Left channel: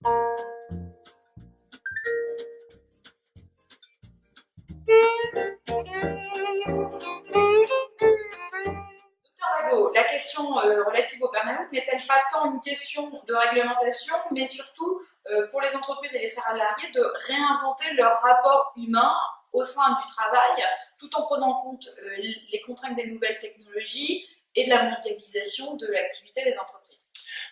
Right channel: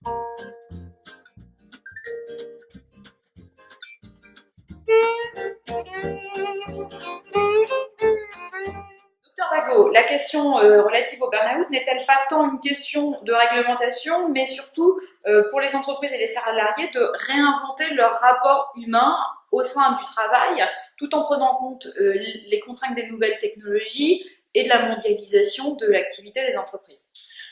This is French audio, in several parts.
Docteur Bagot, la question relative au burn-out n'est-elle pas tant une question de réglementation, mais surtout pour les entreprises et les salariés de réinventer leur rapport humain au sein du travail, tout en prenant en compte les contraintes des nouvelles technologies et de la mondialisation de l'activité des entreprises?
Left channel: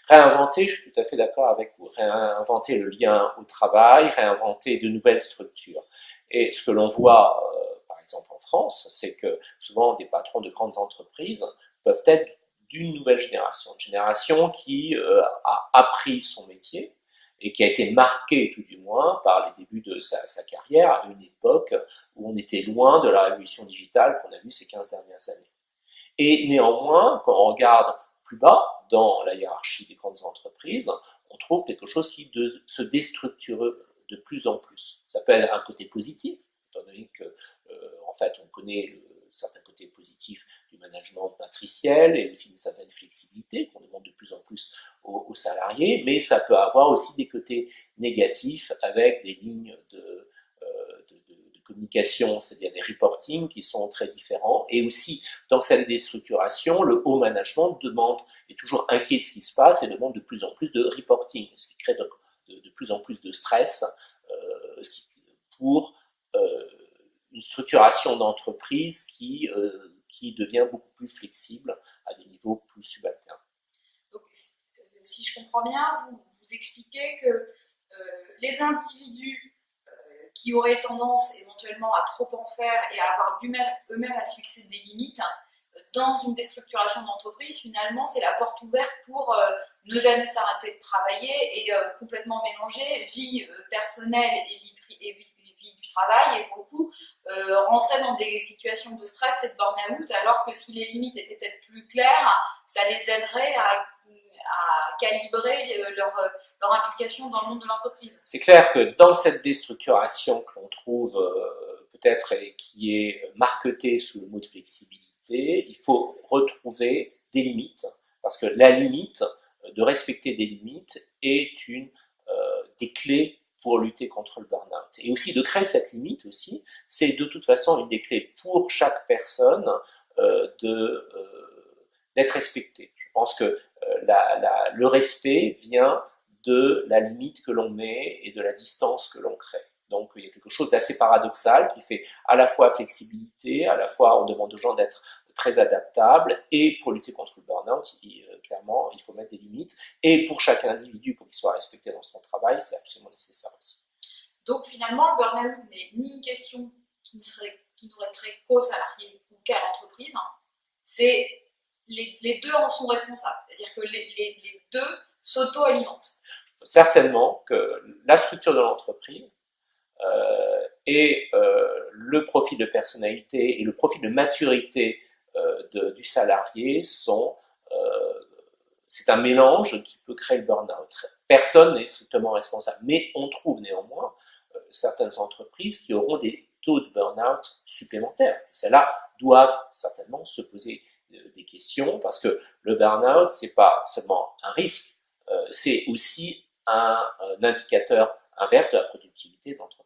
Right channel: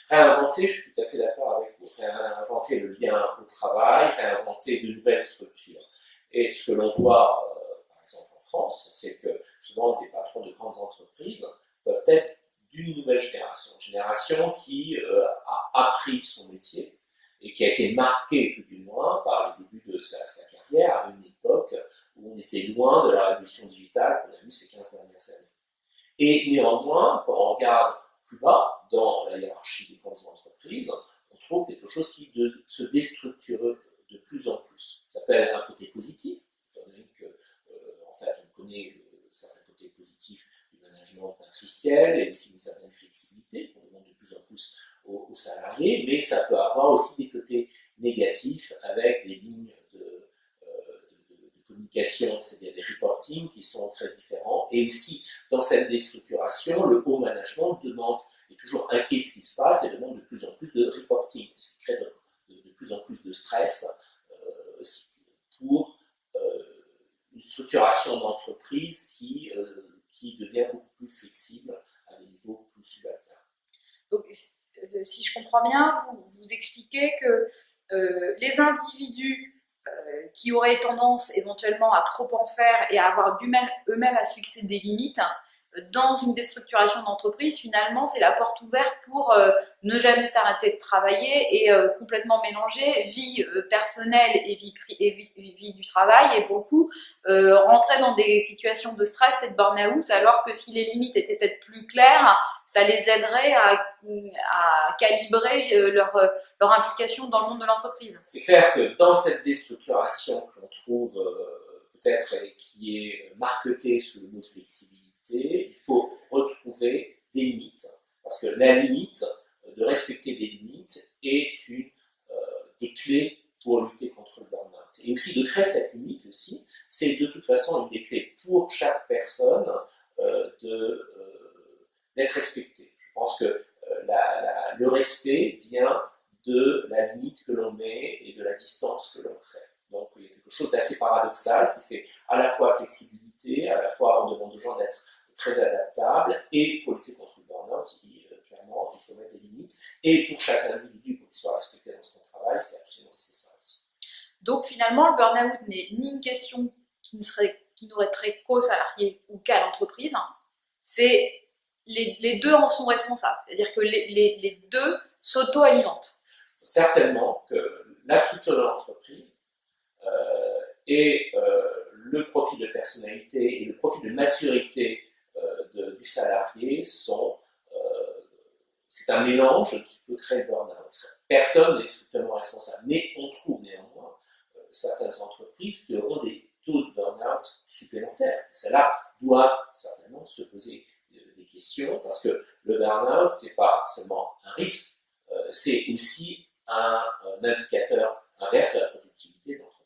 Réinventer, je suis tout à fait d'accord avec vous, réinventer le lien au travail, réinventer de nouvelles structures. Et ce que l'on voit, par exemple en France, c'est que souvent des patrons de grandes entreprises peuvent être d'une nouvelle génération, une génération qui a appris son métier et qui a été marquée tout du moins par les débuts de sa carrière à une époque où on était loin de la révolution digitale qu'on a vue ces 15 dernières années. Et néanmoins, quand on regarde plus bas dans la hiérarchie des grandes entreprises, on trouve quelque chose qui se déstructure de plus en plus. Ça peut être un côté positif, étant donné que, en fait, on connaît certains côtés positifs du management matriciel et aussi une certaine flexibilité qu'on demande de plus en plus aux salariés, mais ça peut avoir aussi des côtés négatifs avec des lignes de communication, c'est-à-dire des reporting qui sont très différents. Et aussi, dans cette déstructuration, le haut management est toujours inquiet de ce qui se passe et demande de plus en plus de reporting, ce qui crée de plus en plus de stress pour une structuration d'entreprise qui devient beaucoup plus flexible à des niveaux plus subalternes. Donc, si je comprends bien, vous expliquez que les individus qui auraient tendance éventuellement à trop en faire et à avoir du mal eux-mêmes à se fixer des limites, dans une déstructuration d'entreprise, finalement, c'est la porte ouverte pour ne jamais s'arrêter de travailler et complètement mélanger vie personnelle et vie du travail, et pour le coup, rentrer dans des situations de stress et de burn-out, alors que si les limites étaient peut-être plus claires, ça les aiderait à calibrer leur implication dans le monde de l'entreprise. C'est clair que dans cette déstructuration que l'on trouve peut-être qui est marquetée sous le mot de flexibilité, il faut retrouver des limites, parce que la limite, de respecter des limites, est une des clés pour lutter contre le burn-out. Et aussi de créer cette limite aussi, c'est de toute façon une des clés pour chaque personne d'être respectée. Je pense que le respect vient de la limite que l'on met et de la distance que l'on crée. Donc il y a quelque chose d'assez paradoxal qui fait à la fois flexibilité, à la fois on demande aux gens d'être très adaptables, et pour lutter contre le burn-out, clairement, il faut mettre des limites. Et pour chaque individu, pour qu'il soit respecté dans son travail, c'est absolument nécessaire aussi. Donc finalement, le burn-out n'est ni une question qui n'aurait trait qu'aux salariés ou qu'à l'entreprise, c'est les deux en sont responsables. C'est-à-dire que les deux s'auto-alimentent. Certainement que la structure de l'entreprise et le profil de personnalité et le profil de maturité du salarié c'est un mélange qui peut créer le burn-out. Personne n'est strictement responsable, mais on trouve néanmoins certaines entreprises qui auront des taux de burn-out supplémentaires. Celles-là doivent certainement se poser des questions, parce que le burn-out, c'est pas seulement un risque, c'est aussi un indicateur inverse de la productivité de l'entreprise.